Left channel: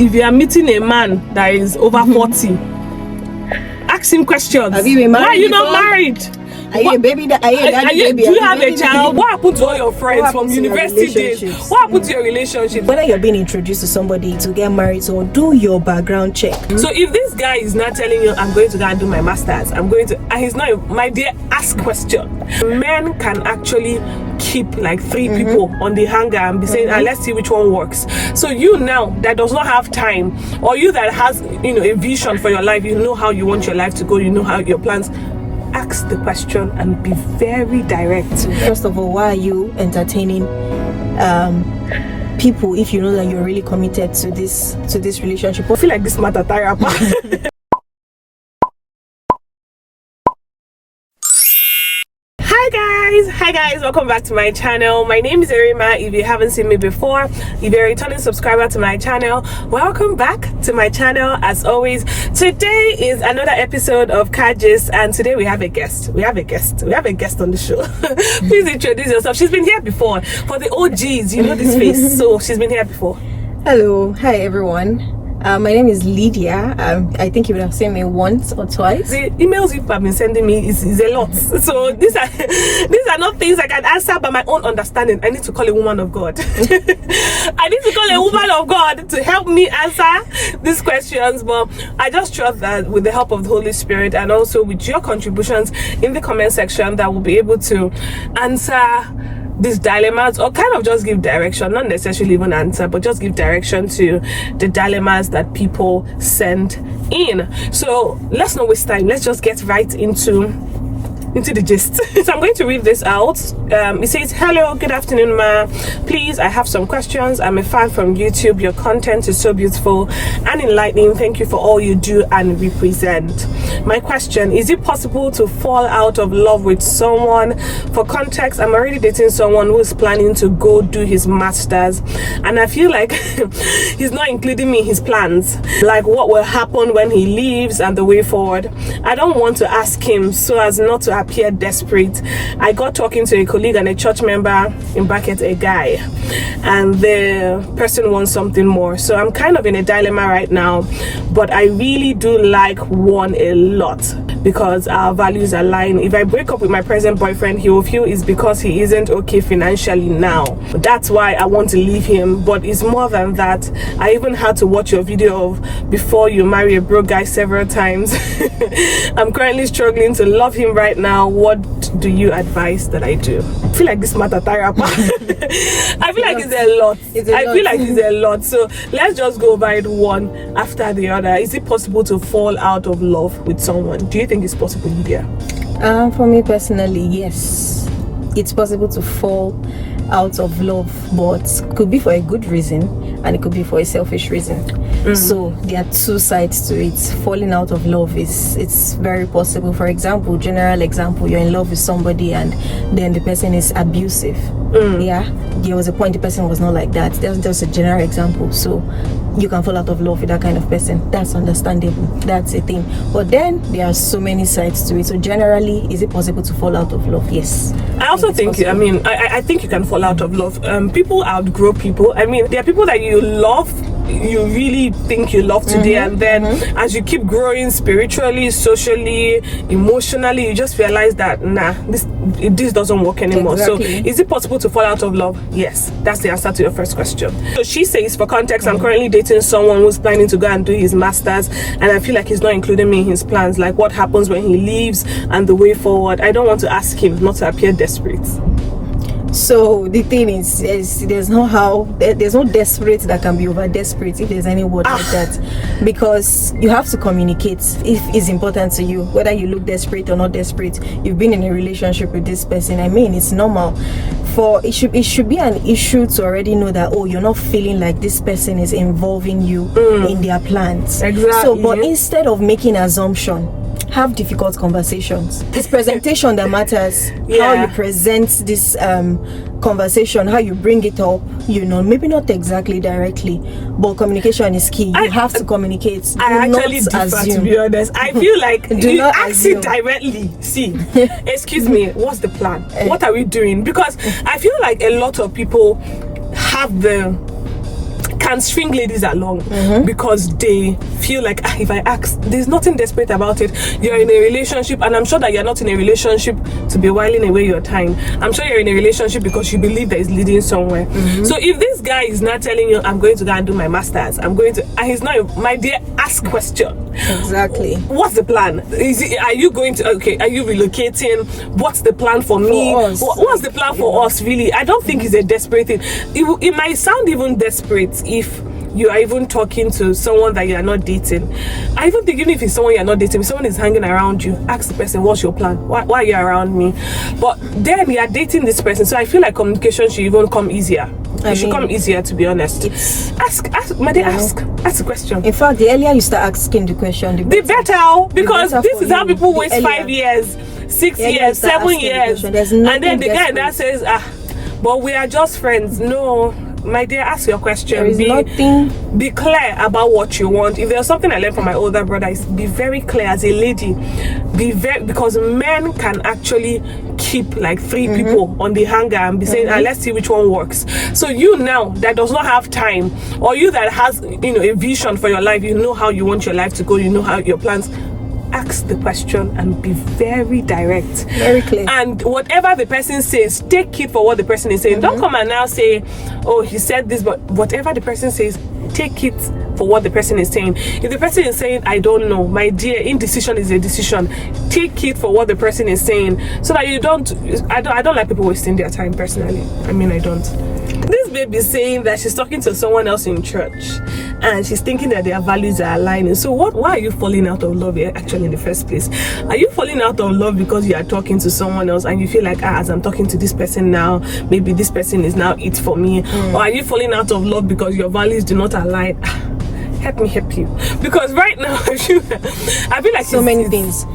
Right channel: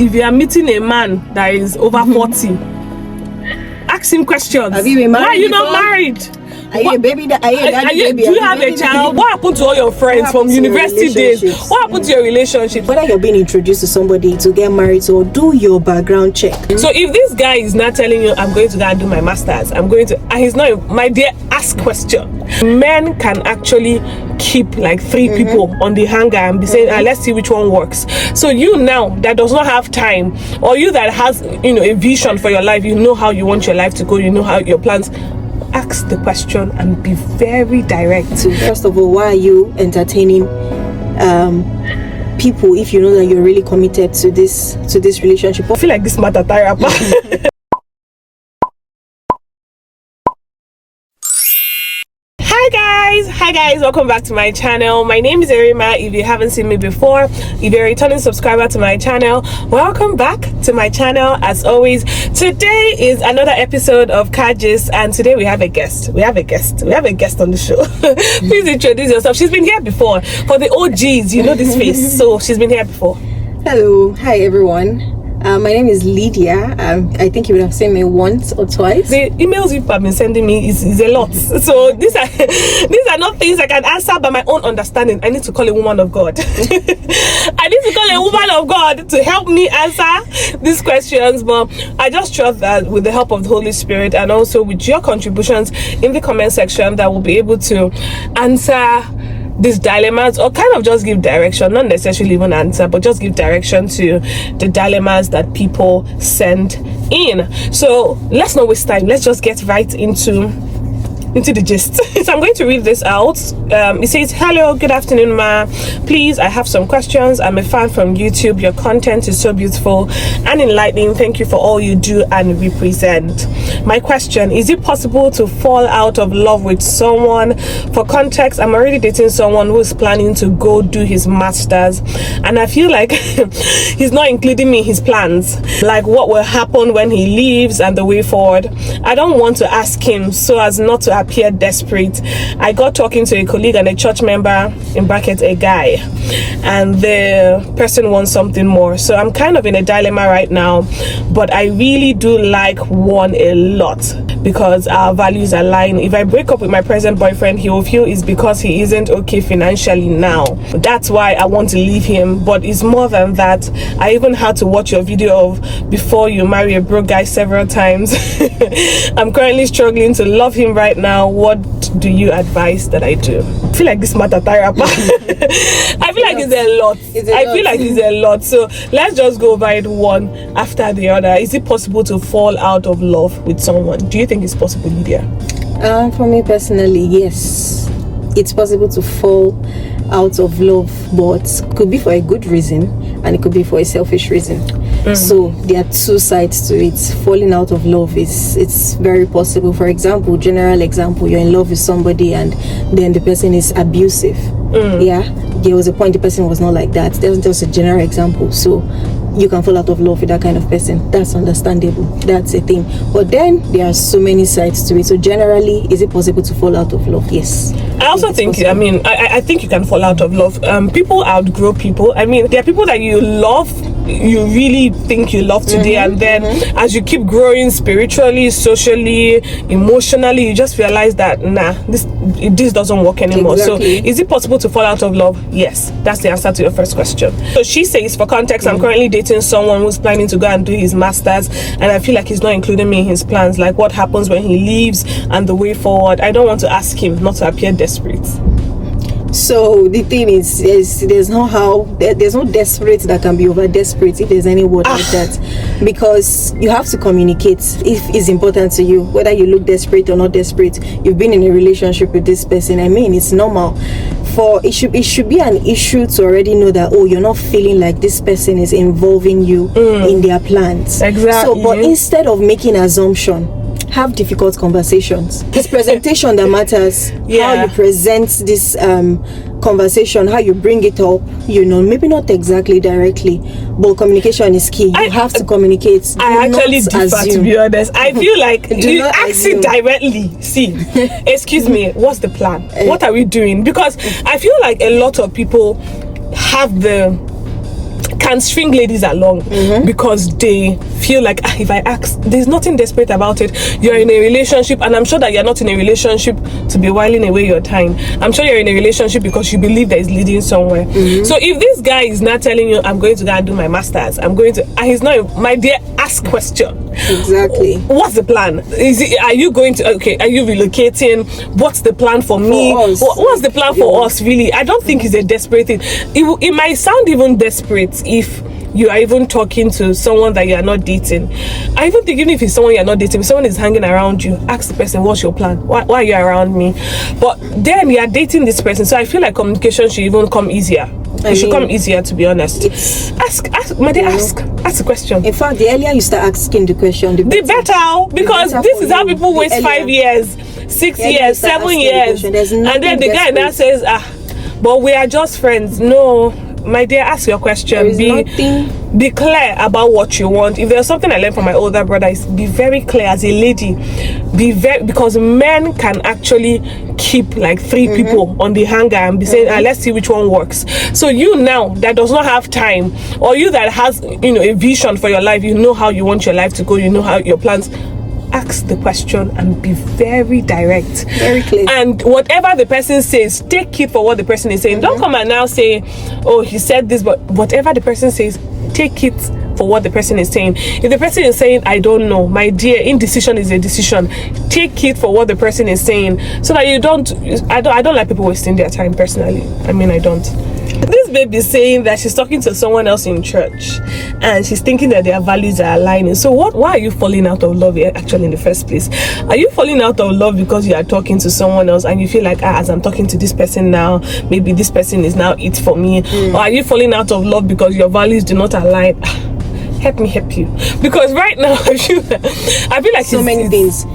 if you are meeting a man that is over 40, ask him questions. Have you been married? Why are you not married? Are you a baby? Do you have a child? What happened to all your friends from university days? What happened to your relationship? Whether you're being introduced to somebody to get married, so do your background check. So if this guy is not telling you, I'm going to go and do my masters, and he's not, my dear, ask question. Men can actually keep like 3 people on the hanger and be saying, let's see which one works. So you now that does not have time, or you that has, a vision for your life, you know how you want your life to go, you know how your plans, ask the question and be very direct. So first of all, why are you entertaining people if you know that you're really committed to this relationship? I feel like this matter tire. Hi guys, welcome back to my channel. My name is Erima. If you haven't seen me before, if you're a returning subscriber to my channel, welcome back to my channel. As always, today is another episode of Kajis, and today we have a guest. We have a guest on the show. Please introduce yourself. She's been here before. For the OGs, you know this face, so she's been here before. Hello, hi everyone. My name is Lydia. I think you would have seen me once or twice. The emails you've been sending me is a lot. So these are not things I can answer by my own understanding. I need to call a woman of God. I need to call a woman of God to help me answer these questions. But I just trust that with the help of the Holy Spirit and also with your contributions in the comment section, that we'll be able to answer these dilemmas, or kind of just give direction, not necessarily even answer, but just give direction to the dilemmas that people send in. So let's not waste time, let's just get right into the gist. So I'm going to read this out. It says, hello, good afternoon, ma. Please, I have some questions. I'm a fan from YouTube. Your content is so beautiful and enlightening. Thank you for all you do and represent. My question, is it possible to fall out of love with someone? For context, I'm already dating someone who is planning to go do his masters, and I feel like he's not including me in his plans, like what will happen when he leaves and the way forward. I don't want to ask him so as not to appear desperate. I got talking to a colleague and a church member, in brackets a guy, and the person wants something more. So I'm kind of in a dilemma right now, but I really do like one a lot because our values align. If I break up with my present boyfriend, he will feel it's because he isn't okay financially now. That's why I want to leave him, but it's more than that. I even had to watch your video of before you marry a broke guy several times. I'm currently struggling to love him right now. What do you advise that I do? I feel like this matter tire. I feel like it's a lot. I feel like it's a lot. So let's just go over it one after the other. Is it possible to fall out of love with someone? Do you think it's possible, Lydia? For me personally, yes, it's possible to fall out of love, but could be for a good reason and it could be for a selfish reason. So there are two sides to it. Falling out of love it's very possible. For example, general example, you're in love with somebody and then the person is abusive. Yeah, there was a point the person was not like that. That's just a general example. So you can fall out of love with that kind of person. That's understandable. That's a thing. But then there are so many sides to it. So generally, is it possible to fall out of love? Yes. I also think I think you can fall out of love. People outgrow people. I mean, there are people that you love, you really think you love today, and then as you keep growing spiritually, socially, emotionally, you just realize that this doesn't work anymore. Exactly. So is it possible to fall out of love? Yes, that's the answer to your first question. So she says, for context, I'm currently dating someone who's planning to go and do his masters, and I feel like he's not including me in his plans, like what happens when he leaves and the way forward. I don't want to ask him not to appear desperate. So the thing is, there's no desperate that can be over desperate, if there's any word like that, because you have to communicate if it's important to you, whether you look desperate or not desperate. You've been in a relationship with this person. I mean, it's normal. For it should be an issue to already know that, oh, you're not feeling like this person is involving you in their plans. Exactly. So, but instead of making assumption, have difficult conversations. It's presentation that matters. How you present this conversation, how you bring it up, maybe not exactly directly, but communication is key. You have to communicate. I actually differ, to be honest. I feel like you ask it directly. See, excuse me, what's the plan? What are we doing? Because I feel like a lot of people have the can string ladies along because they feel like, if I ask, there's nothing desperate about it. You're in a relationship, and I'm sure that you're not in a relationship to be whiling away your time. I'm sure you're in a relationship because you believe that it's leading somewhere. So if this guy is not telling you, I'm going to go and do my masters, I'm going to, and he's not, my dear, ask question. Exactly. What's the plan? Are you going to, okay, are you relocating? What's the plan for me? What's the plan for us, really? I don't think it's a desperate thing. It might sound even desperate if you are even talking to someone that you are not dating. I even think even if it's someone you're not dating, if someone is hanging around you, ask the person, what's your plan? Why are you around me? But then you are dating this person, so I feel like communication should even come easier. It should come easier, to be honest. Ask, my dear, ask the question. In fact, the earlier you start asking the question, the better, because this is how people waste 5 years, 6 years, 7 years, and then the guy now says, but we are just friends. No, my dear, ask your question. Be clear about what you want. If there's something I learned from my older brother, is be very clear as a lady. Because men can actually keep like 3 people on the hanger and be saying, let's see which one works. So you now that does not have time, or you that has, a vision for your life, you know how you want your life to go, you know how your plans, ask the question and be very direct, very clear, and whatever the person says, take it for what the person is saying. Don't come and now say, oh, he said this, but whatever the person says, take it for what the person is saying. If the person is saying, I don't know, my dear, indecision is a decision. Take it for what the person is saying, so that you don't. I don't like people wasting their time, personally. I mean, I don't. This baby is saying that she's talking to someone else in church and she's thinking that their values are aligning. So why are you falling out of love here actually in the first place? Are you falling out of love because you are talking to someone else and you feel like, as I'm talking to this person now, maybe this person is now it for me? Or are you falling out of love because your values do not align? Help me help you, because right now I feel like so many things.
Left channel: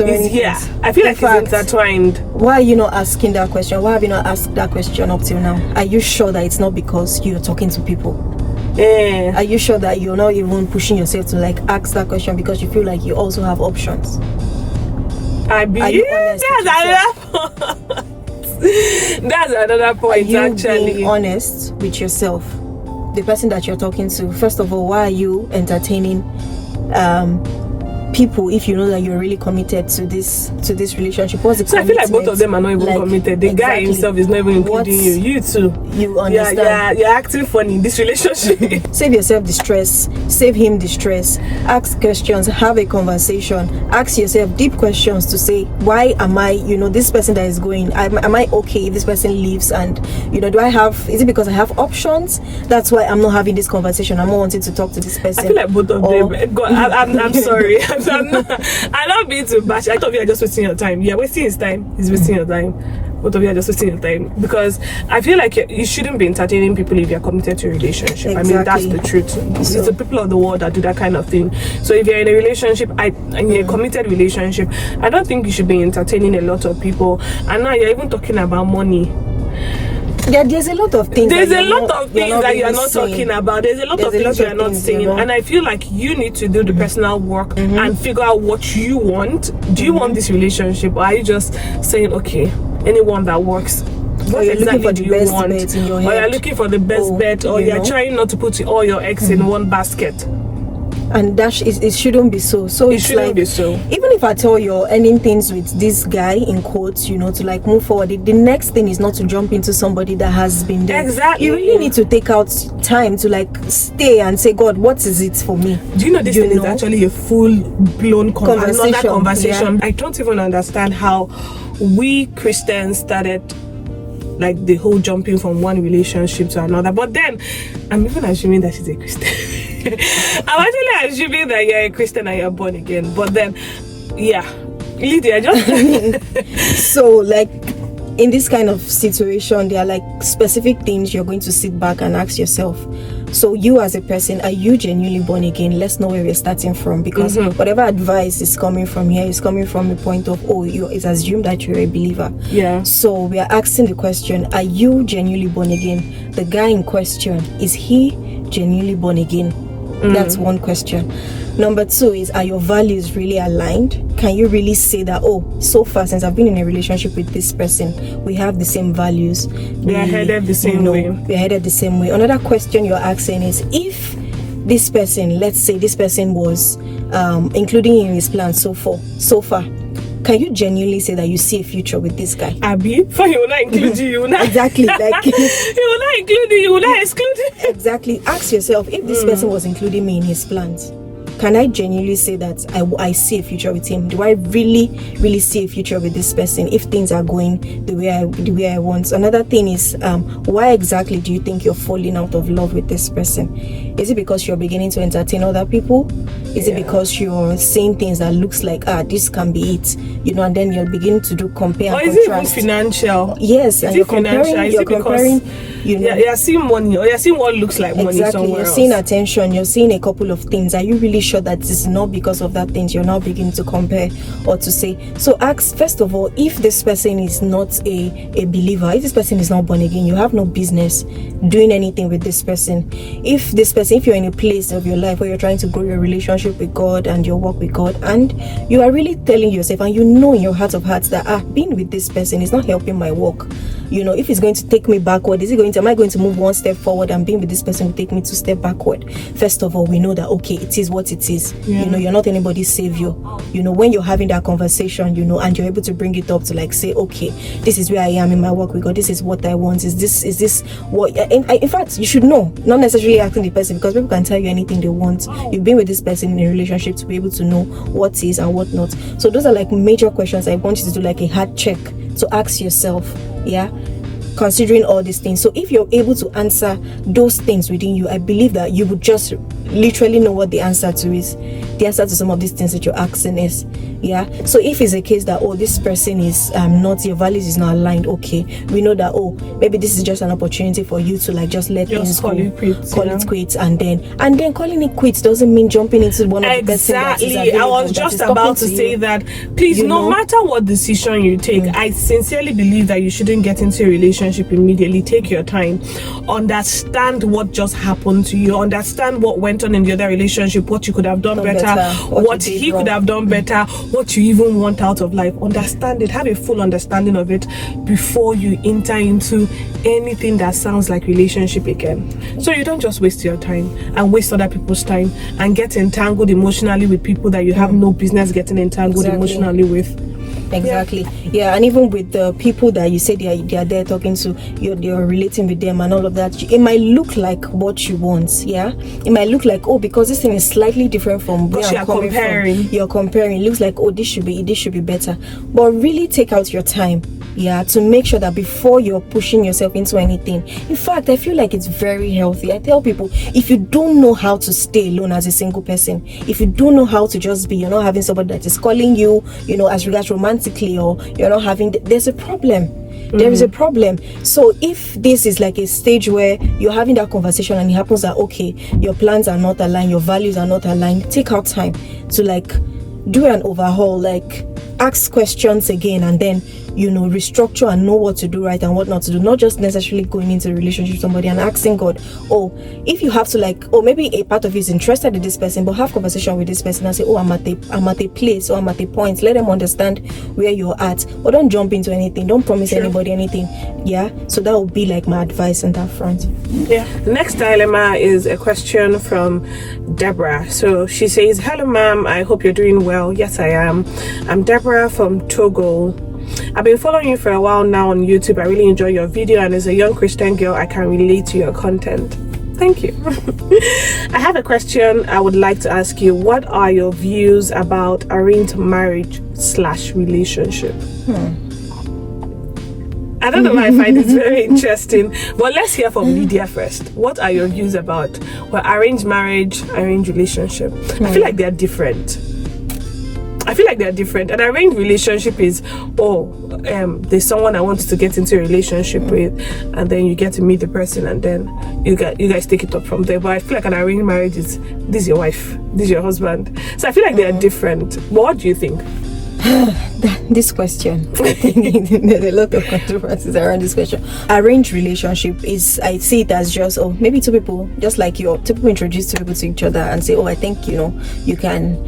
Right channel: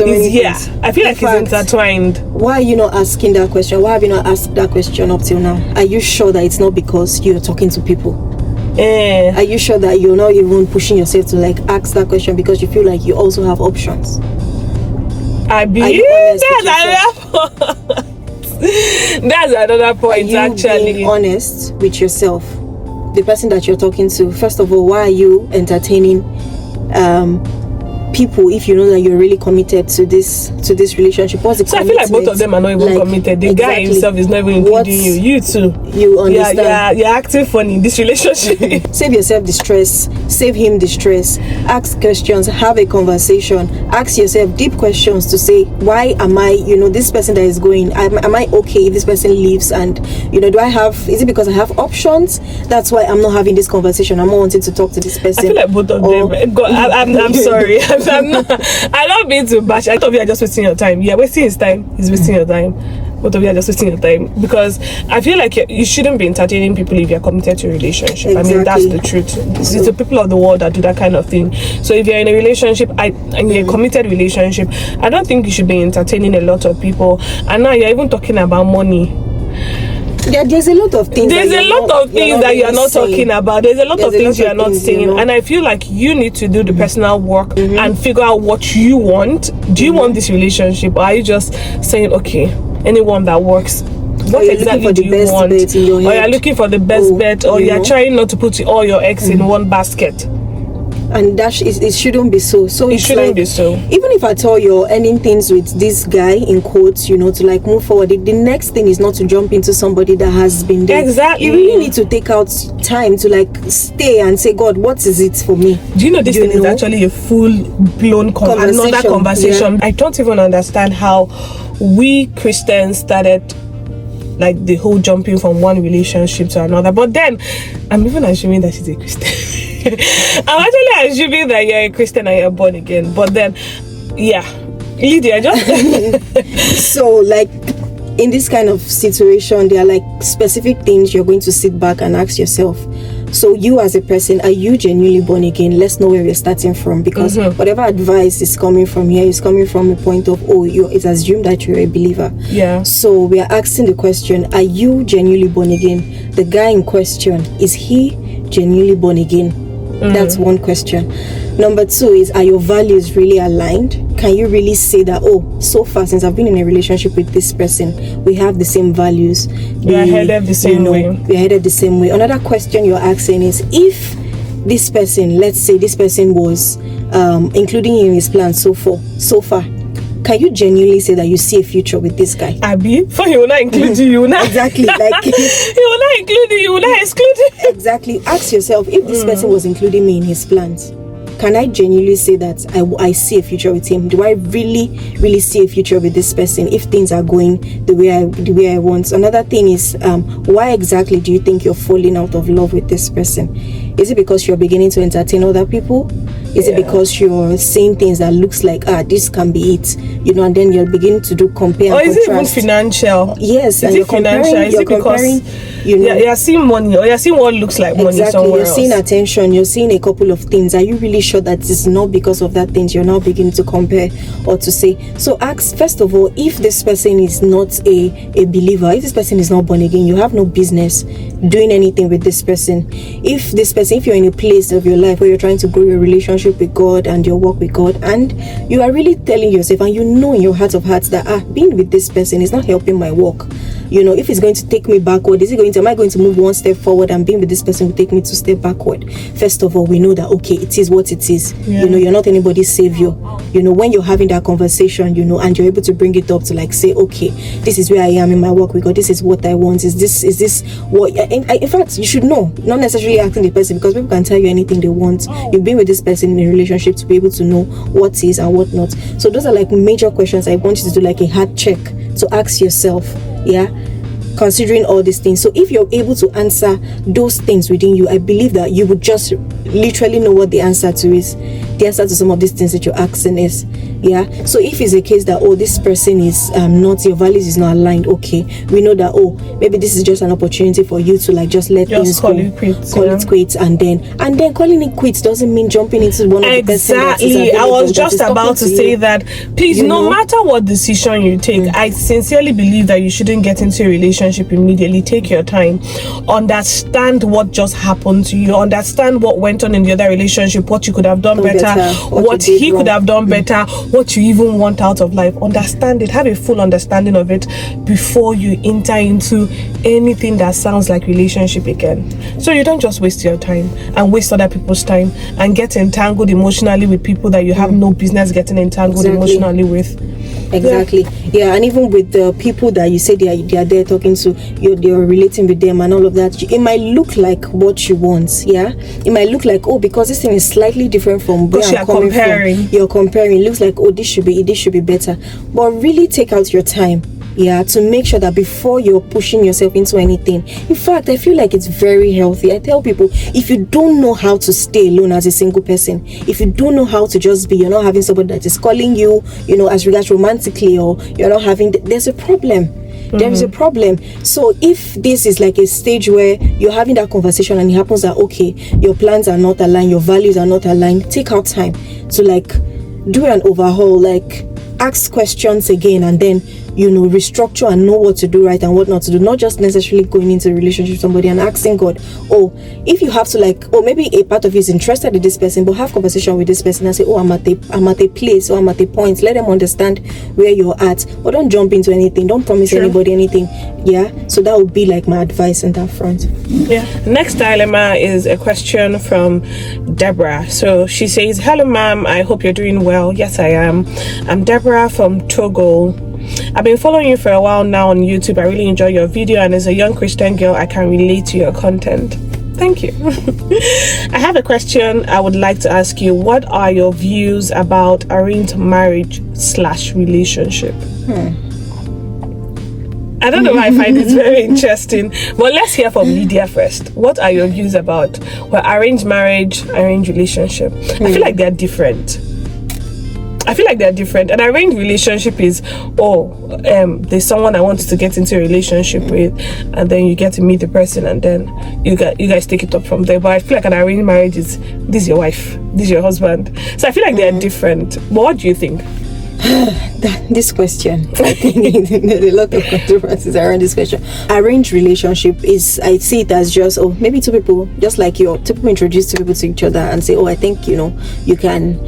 Yeah, I feel like it's intertwined. Why are you not asking that question? Why have you not asked that question up till now? Are you sure that it's not because you're talking to people? Are you sure that you're not even pushing yourself to like ask that question because you feel like you also have options? Are you honest that's another point. Are you actually being honest with yourself? The person that you're talking to, first of all, why are you entertaining people if you know that you're really committed to this relationship? What's the so commitment? I feel like both of them are not even committed. The guy himself is not even including you. You too. You understand? You're acting funny in this relationship. Save yourself the stress. Save him the stress. Ask questions. Have a conversation. Ask yourself deep questions to say, why am I, this person that is going, am I okay if this person leaves? And, is it because I have options? That's why I'm not having this conversation. I'm not wanting to talk to this person. I feel like both of them. God, I'm sorry. I love being too bash. Both of you are just wasting your time. You're wasting his time. He's wasting your time. Both of you are just wasting your time, because I feel like you shouldn't be entertaining people if you're committed to a relationship. Exactly. I mean, that's the truth. It's the people of the world that do that kind of thing. So if you're in a relationship and you're in a committed relationship, I don't think you should be entertaining a lot of people. And now you're even talking about money. There's a lot of things. There's a lot of things that you're not talking about. There's a lot of things you're not saying. And I feel like you need to do the personal work and figure out what you want. Do you want this relationship, or are you just saying, okay, anyone that works? What exactly do you want? Bet in your head. Or you're looking for the best bet, or you're trying not to put all your eggs in one basket. And it shouldn't be so. So it shouldn't be so. Even if at all you're ending things with this guy, in quotes, to like move forward, the next thing is not to jump into somebody that has been there. Exactly. You really need to take out time to like stay and say, God, what is it for me? Do you know this thing is actually a full-blown another conversation? Yeah. I don't even understand how we Christians started like the whole jumping from one relationship to another. But then I'm even assuming that she's a Christian. I'm actually assuming that you're a Christian and you're born again. But then, yeah, Lydia, just so like in this kind of situation, there are like specific things you're going to sit back and ask yourself. So you as a person, are you genuinely born again? Let's know where we're starting from, because whatever advice is coming from here is coming from a point of, it's assumed that you're a believer. Yeah. So we are asking the question, are you genuinely born again? The guy in question, is he genuinely born again? That's one question. Number two is, are your values really aligned? Can you really say that, oh, so far since I've been in a relationship with this person, we have the same values, we're headed the same way. We're headed the same way. Another question you're asking is, if this person, let's say this person was including you in his plans so far, can you genuinely say that you see a future with this guy? Abi, for he will not include you, will not. Exactly, like he will not include you, will not exclude you. Exactly. Ask yourself, if this person was including me in his plans, can I genuinely say that I see a future with him? Do I really see a future with this person if things are going the way I want? Another thing is, why exactly do you think you're falling out of love with this person? Is it because you're beginning to entertain other people? Is it because you're saying things that looks like, this can be it, and then you're beginning to do compare and contrast? Or is it even financial? Yes, and you're comparing. You're seeing money, or you're seeing what looks like money somewhere else. Seeing attention, you're seeing a couple of things. Are you really sure that it's not because of that things you're now beginning to compare or to say? So ask, first of all, if this person is not a believer, if this person is not born again, you have no business doing anything with this person. If you're in a place of your life where you're trying to grow your relationship with God and your walk with God, and you are really telling yourself, and you know in your heart of hearts that being with this person is not helping my walk. If it's going to take me backward, am I going to move one step forward, and being with this person will take me 2 steps backward? First of all, we know that, okay, it is what it is. Yeah. You're not anybody's savior. When you're having that conversation, and you're able to bring it up to say, okay, this is where I am in my walk with God. This is what I want. Is this what? In fact, you should know, not necessarily asking the person, because people can tell you anything they want. You've been with this person in a relationship to be able to know what is and what not. So those are major questions I want you to do a hard check to ask yourself. Yeah, considering all these things. So if you're able to answer those things within you, I believe that you would just literally know what the answer to is. The answer to some of these things that you're asking is. Yeah. So if it's a case that, this person is not, your values is not aligned, okay, we know that, maybe this is just an opportunity for you to just let things go, call it quits, and then calling it quits doesn't mean jumping into one of the person that is available. I was just about to say that, please, no matter what decision you take, I sincerely believe that you shouldn't get into a relationship immediately. Take your time, understand what just happened to you, understand what went on in the other relationship, what you could have done better, what he could have done better, what you even want out of life. Understand it, have a full understanding of it before you enter into anything that sounds like relationship again. So you don't just waste your time and waste other people's time and get entangled emotionally with people that you have no business getting entangled emotionally with. Exactly. Yeah, and even with the people that you say they are there talking to, you're relating with them and all of that, it might look like what you want. Yeah, it might look like, because this thing is slightly different from where I'm coming from. You're comparing. It looks like, this should be better. But really take out your time, to make sure that before you're pushing yourself into anything. In fact, I feel like it's very healthy. I tell people, if you don't know how to stay alone as a single person, if you don't know how to just be, you're not having somebody that is calling you, as regards romantically, or you're not having, there's a problem. There is a problem. So if this is a stage where you're having that conversation and it happens that, okay, your plans are not aligned, your values are not aligned, take out time to do an overhaul, ask questions again, and then restructure and know what to do right and what not to do. Not just necessarily going into a relationship with somebody and asking God, if you have to maybe a part of you is interested in this person, but have conversation with this person and say, I'm at a place, or I'm at a point. Let them understand where you're at, or don't jump into anything. Don't promise anybody anything. Yeah, so that would be my advice on that front. Yeah. Next dilemma is a question from Deborah. So she says, hello ma'am, I hope you're doing well. Yes, I am. I'm Deborah from Togo. I've been following you for a while now on YouTube. I really enjoy your video, and as a young Christian girl, I can relate to your content. Thank you. I have a question I would like to ask you. What are your views about arranged marriage / relationship? I don't know why I find it very interesting, but let's hear from Lydia first. What are your views about arranged marriage, arranged relationship? I feel like they're different. An arranged relationship is, there's someone I want to get into a relationship with, and then you get to meet the person, and then you guys take it up from there. But I feel like an arranged marriage is, this is your wife, this is your husband. So I feel like they're different. But what do you think? This question, I think there's a lot of controversies around this question. Arranged relationship is, I see it as just, maybe two people, just like two people introduce two people to each other and say, I think, you can.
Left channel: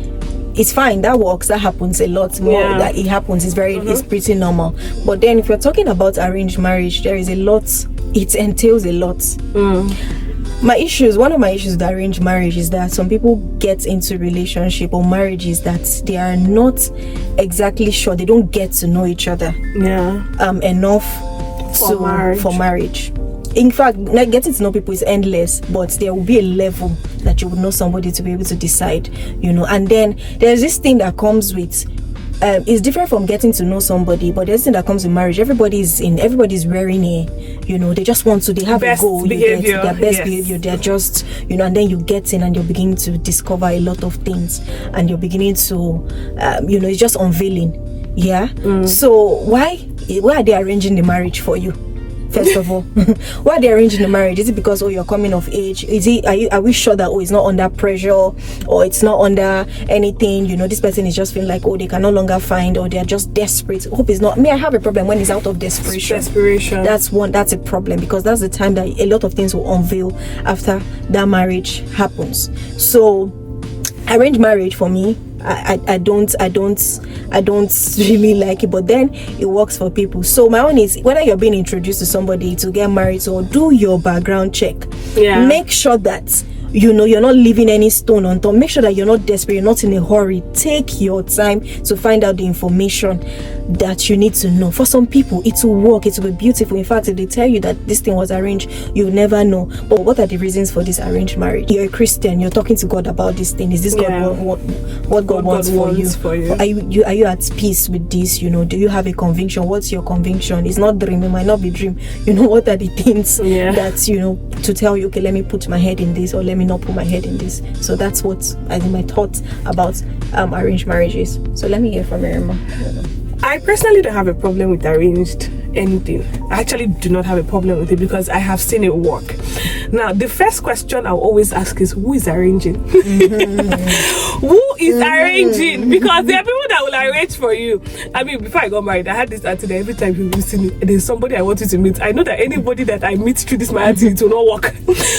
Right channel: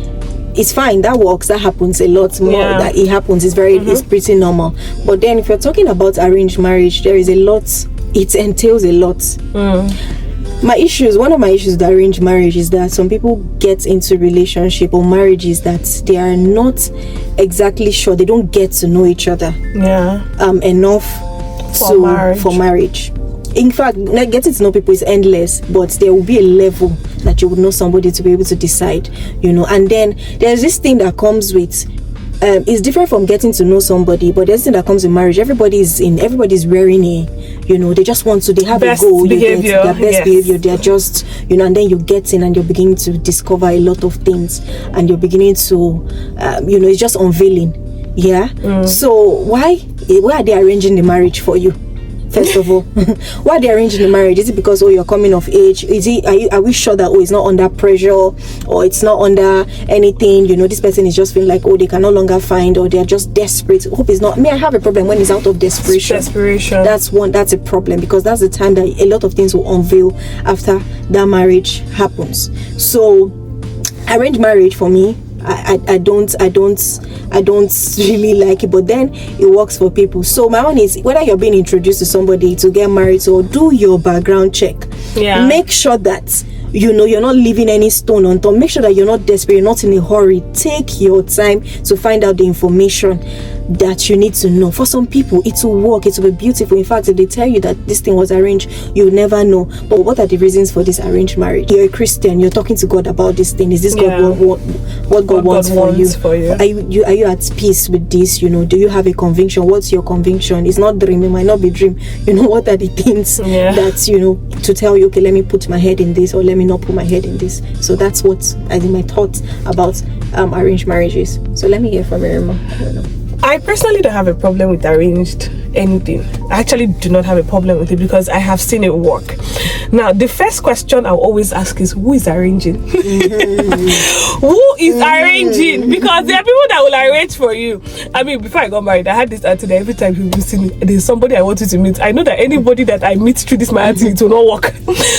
It's fine, that works, that happens a lot more. Yeah. That it happens, it's pretty normal. But then if you're talking about arranged marriage, there is a lot, it entails a lot. One of my issues with arranged marriage is that some people get into relationship or marriages that they are not exactly sure, they don't get to know each other enough for marriage. In fact, getting to know people is endless, but there will be a level that you would know somebody to be able to decide, and then there's this thing that comes with it's different from getting to know somebody, but there's this thing that comes with marriage. Everybody's wearing they just want to, they have best a goal, behavior, their best behavior, they're just, and then you get in and you're beginning to discover a lot of things, and you're beginning to, it's just unveiling. So why are they arranging the marriage for you? First of all, why are they arranging the marriage? Is it because you're coming of age? Are we sure that it's not under pressure, or it's not under anything? This person is just feeling like they can no longer find, or they're just desperate. Hope it's not. I have a problem when it's out of desperation. That's a problem, because that's the time that a lot of things will unveil after that marriage happens. So arranged marriage for me, I don't really like it, but then it works for people. So my own is, whether you're being introduced to somebody to get married, so do your background check. Make sure that you're not leaving any stone unturned. Make sure that you're not desperate, you're not in a hurry. Take your time to find out the information that you need to know. For some people, it will work, it will be beautiful. In fact, if they tell you that this thing was arranged, you'll never know. But what are the reasons for this arranged marriage? You're a Christian, you're talking to God about this thing. Is this what God wants for you? Are you at peace with this? Do you have a conviction? What's your conviction? It's not dream, it might not be dream. What are the things that to tell you, okay, let me put my head in this, or let me not put my head in this. So that's what I think my thoughts about arranged marriages. So let me hear from Irma. I personally don't have a problem with arranged anything. I actually do not have a problem with it, because I have seen it work. Now, the first question I'll always ask is, who is arranging? Who is arranging? Because there are people that will arrange for you. Before I got married, I had this attitude. Every time people see me, there's somebody I want you to meet. I know that anybody that I meet through this my attitude will not work.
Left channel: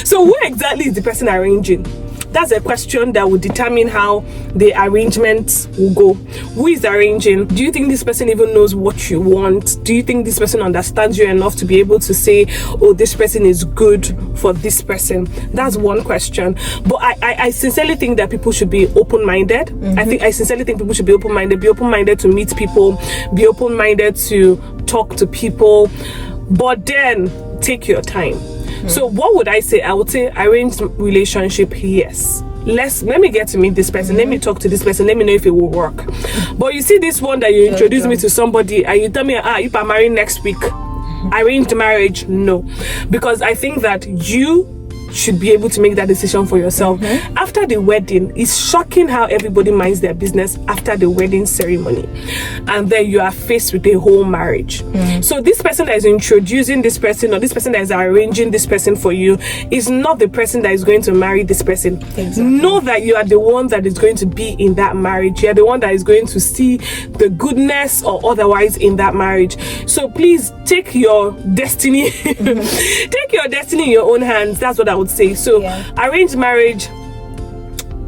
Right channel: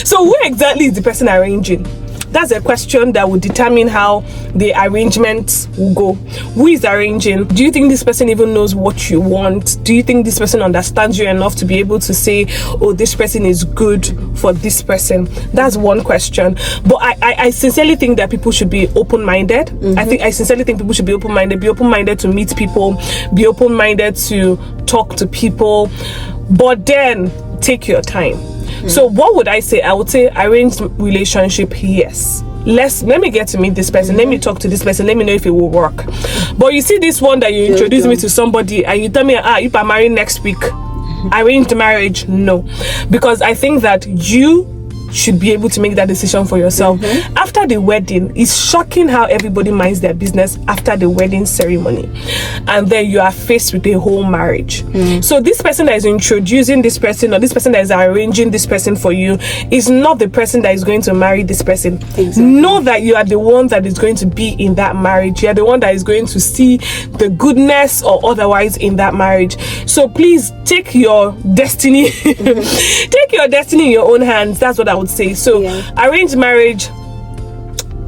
So who exactly is the person arranging? That's a question that will determine how the arrangement will go. Who is arranging? Do you think this person even knows what you want? Do you think this person understands you enough to be able to say, this person is good for this person? That's one question. But I sincerely think that people should be open-minded. I sincerely think people should be open-minded to meet people, be open-minded to talk to people, but then take your time. So what would I say? I would say arranged relationship, yes. Let me get to meet this person. Let me talk to this person. Let me know if it will work. But you see this one that you introduce me to somebody and you tell me, if I'm married next week, arranged marriage, no. Because I think that you should be able to make that decision for yourself. After the wedding, it's shocking how everybody minds their business after the wedding ceremony, and then you are faced with a whole marriage. So this person that is introducing this person, or this person that is arranging this person for you, is not the person that is going to marry this person. Exactly. Know that you are the one that is going to be in that marriage. You are the one that is going to see the goodness or otherwise in that marriage. So please take your destiny take your destiny in your own hands. That's what I would say. So arranged marriage,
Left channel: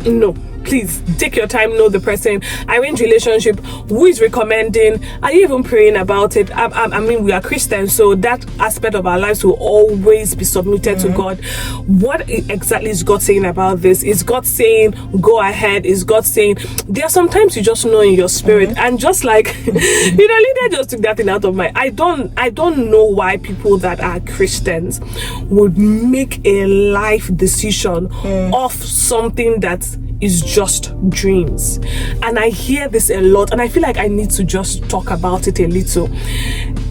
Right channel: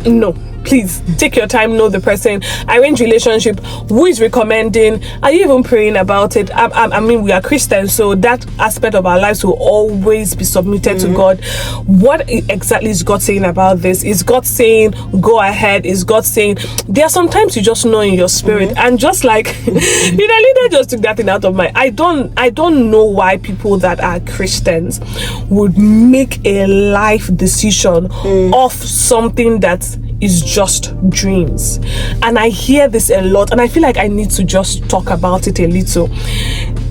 no. Please take your time, know the person. Arranged relationship, who is recommending? Are you even praying about it? We are Christians, so that aspect of our lives will always be submitted to God. What exactly is God saying about this? Is God saying go ahead? Is God saying there are sometimes you just know in your spirit, and just like Leader just took that thing out of my. I don't know why people that are Christians would make a life decision of something that is just dreams. And I hear this a lot, and I feel like I need to just talk about it a little.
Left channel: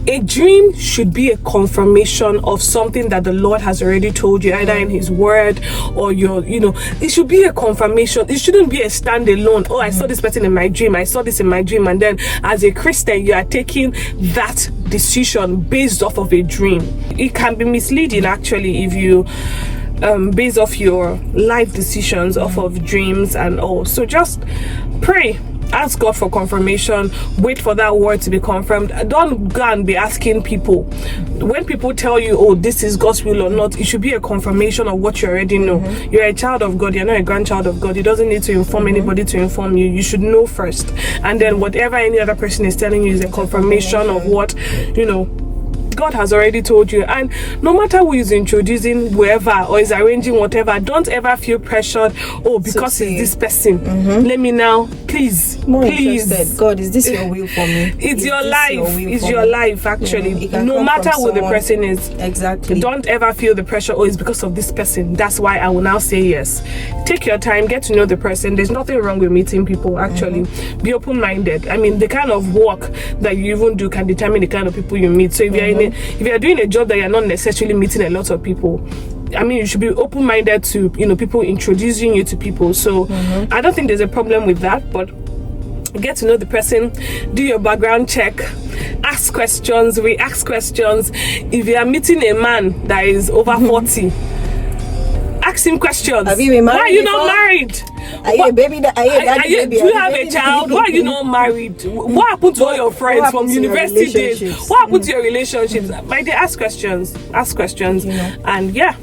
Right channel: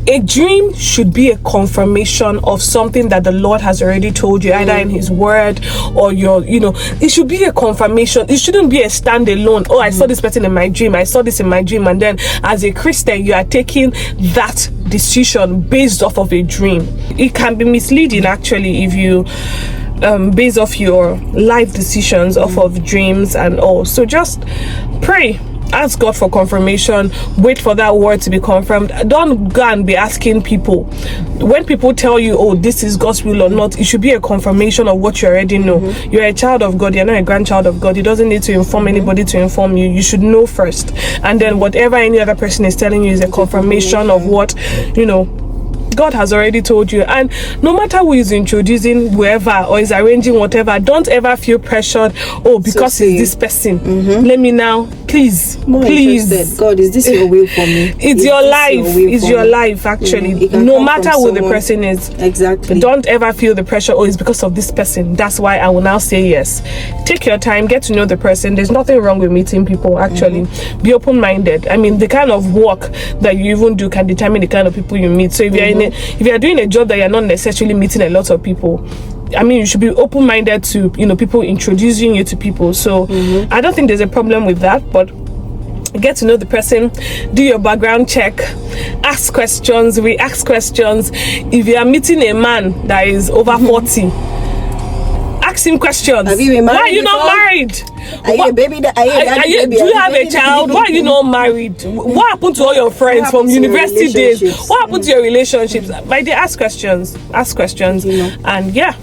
A dream should be a confirmation of something that the Lord has already told you, either in His Word or it should be a confirmation. It shouldn't be a standalone. I saw this person in my dream, I saw this in my dream, and then as a Christian you are taking that decision based off of a dream. It can be misleading actually if you based off your life decisions, off of dreams and all. So just pray ask God for confirmation. Wait for that word to be confirmed. Don't go and be asking people. When people tell you, oh, this is God's will or not, it should be a confirmation of what you already know. You're a child of God. You're not a grandchild of God. He doesn't need to inform anybody to inform you. You should know first, and then whatever any other person is telling you is a confirmation of what, you know, God has already told you. And no matter who is introducing whoever or is arranging whatever, don't ever feel pressured, oh, because it's this person, let me now, please, Interested. God, is this your will for me? It's your life. It's your life, actually. No matter who the person is. Exactly. Don't ever feel the pressure, oh, it's because of this person, that's why I will now say yes. Take your time, get to know the person. There's nothing wrong with meeting people, actually. Be open-minded. I mean, the kind of work that you even do can determine the kind of people you meet. So if you're if you're doing a job that you're not necessarily meeting a lot of people, I mean, you should be open-minded to, you know, people introducing you to people. So I don't think there's a problem with that, but get to know the person, do your background check, ask questions, re-ask questions. If you are meeting a man that is over 40, ask him questions. Have you been married? Why are you not married? Are you a baby? Do you have a child? Why are you not married? What happened to all your friends from university days? What happened to your relationships? Like, they ask questions, and yeah,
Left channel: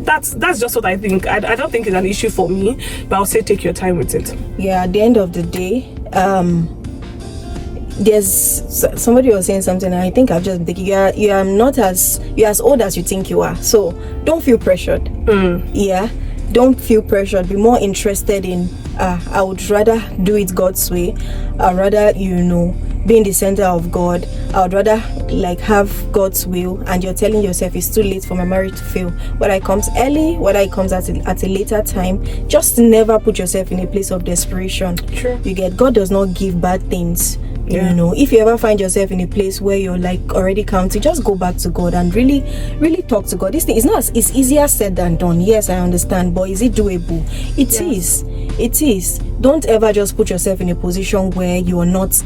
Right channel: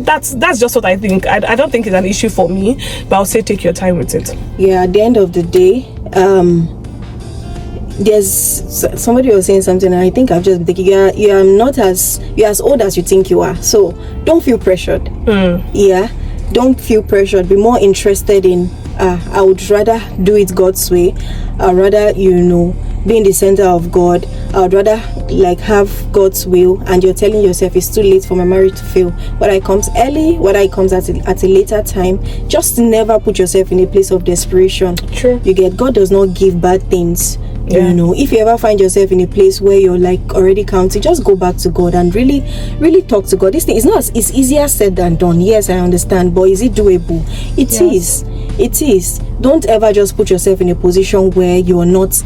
that's just what I think. I don't think it's an issue for me, but I'll say take your time with it. Yeah, at the end of the day, there's somebody was saying something, and I think I've just been thinking, you're as old as you think you are, so don't feel pressured. Yeah, don't feel pressured. Be more interested in I would rather do it God's way. I'd rather, you know, be in the center of God. I would rather like have God's will, and you're telling yourself it's too late for my marriage to fail. Whether it comes early, whether it comes at a later time, just never put yourself in a place of desperation. True. You get, God does not give bad things. You know, if you ever find yourself in a place where you're like already counting, just go back to God and really talk to God. This thing is not, it's easier said than done. Yes, I understand, but is it doable? It is. Don't ever just put yourself in a position where you are not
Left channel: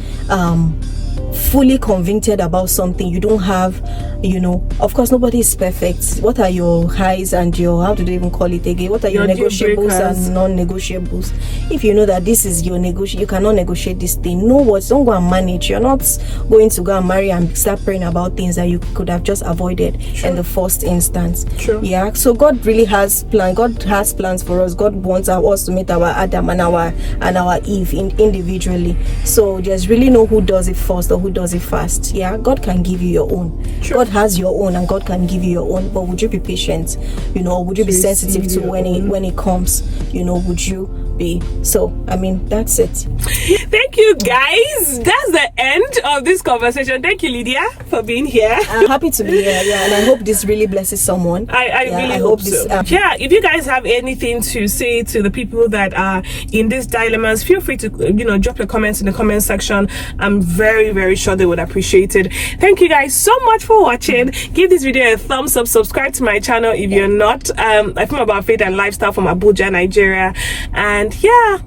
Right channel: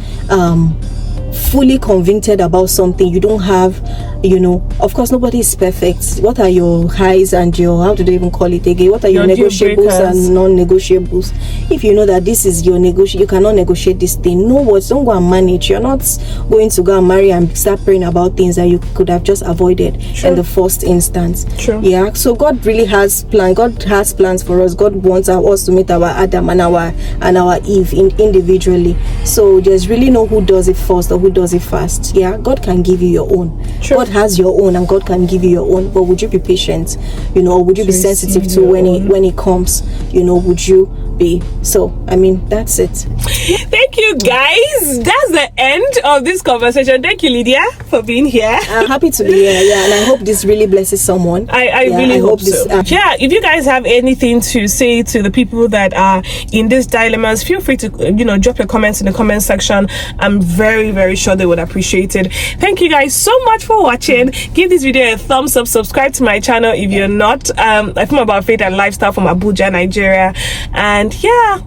fully convicted about something. You don't have, you know, of course nobody is perfect. What are your highs and your, how do they even call it again, what are your negotiables and non-negotiables? If you know that this is your you cannot negotiate this thing, know what, don't go and manage. You're not going to go and marry and start praying about things that you could have just avoided in the first instance. Yeah, so God really has plans. God has plans for us. God wants us to meet our Adam and our Eve individually. So there's really no who does it first or who does it fast. Yeah, God can give you your own. God has your own, and God can give you your own. But would you be patient? You know, or would you be sensitive to when it comes? You know, would you be? So I mean, that's it. Thank you, guys. That's the end of this conversation. Thank you, Lydia, for being here. I'm happy to be here. Yeah, and I hope this really blesses someone. I really hope this. Yeah, if you guys have anything to say to the people that are in these dilemmas, feel free to, you know, drop your comments in the comment section. I'm very, very sure they would appreciate it. Thank you guys so much for watching. Give this video a thumbs up. Subscribe to my channel if you're not. I film about faith and lifestyle from Abuja, Nigeria. And yeah,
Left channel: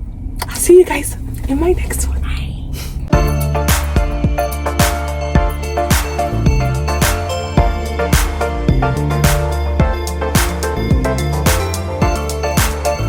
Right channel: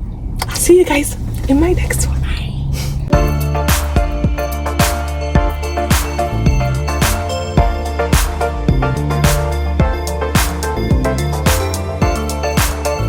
I'll see you guys in my next one.